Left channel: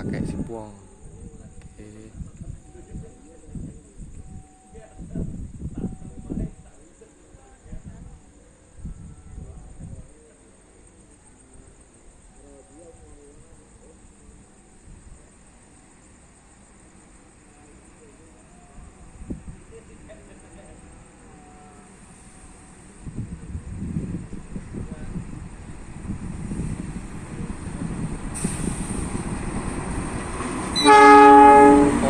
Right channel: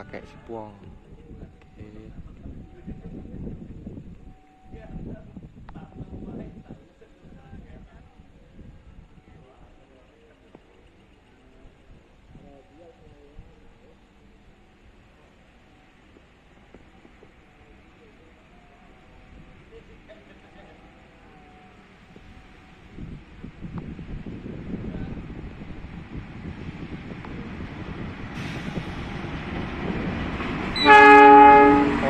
pakai sipuang. Oke.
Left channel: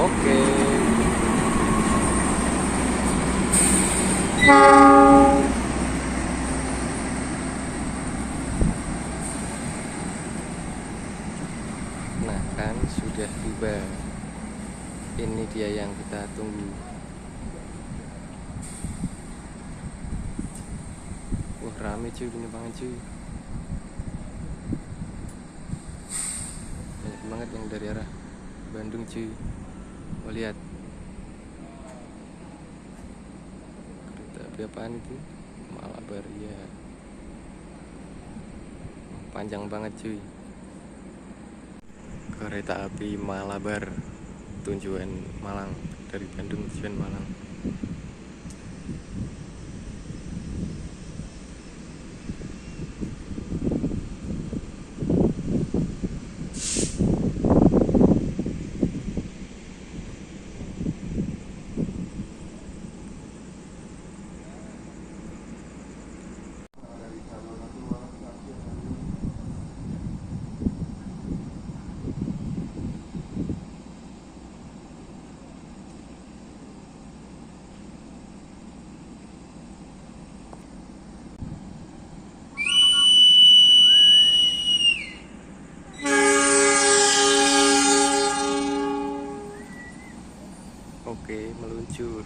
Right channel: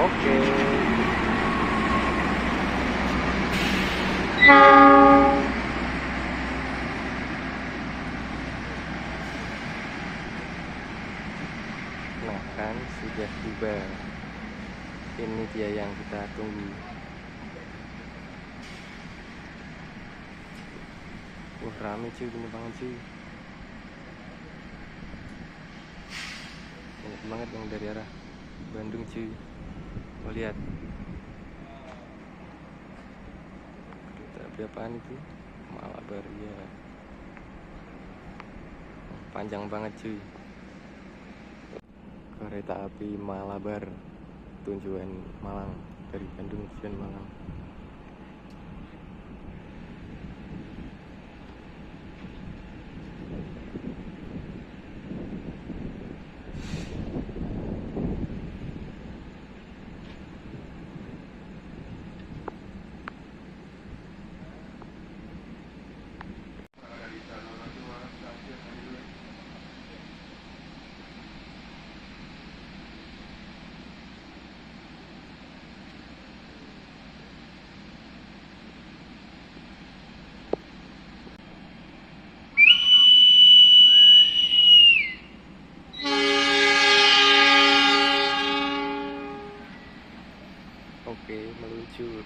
Oke. Nah kan sudah tiba. Ini dia yang kita tunggu. Wah rame cuy, penumpangnya cuy. Banyak banget yang dari arah Bandung cuy. Oh lihat. Kereta api apaan itu? Malabar ya. Panjang banget cuy. Kereta api Malabar tujuan Malang, dari Bandung tujuan Malang. Oke, meluncur.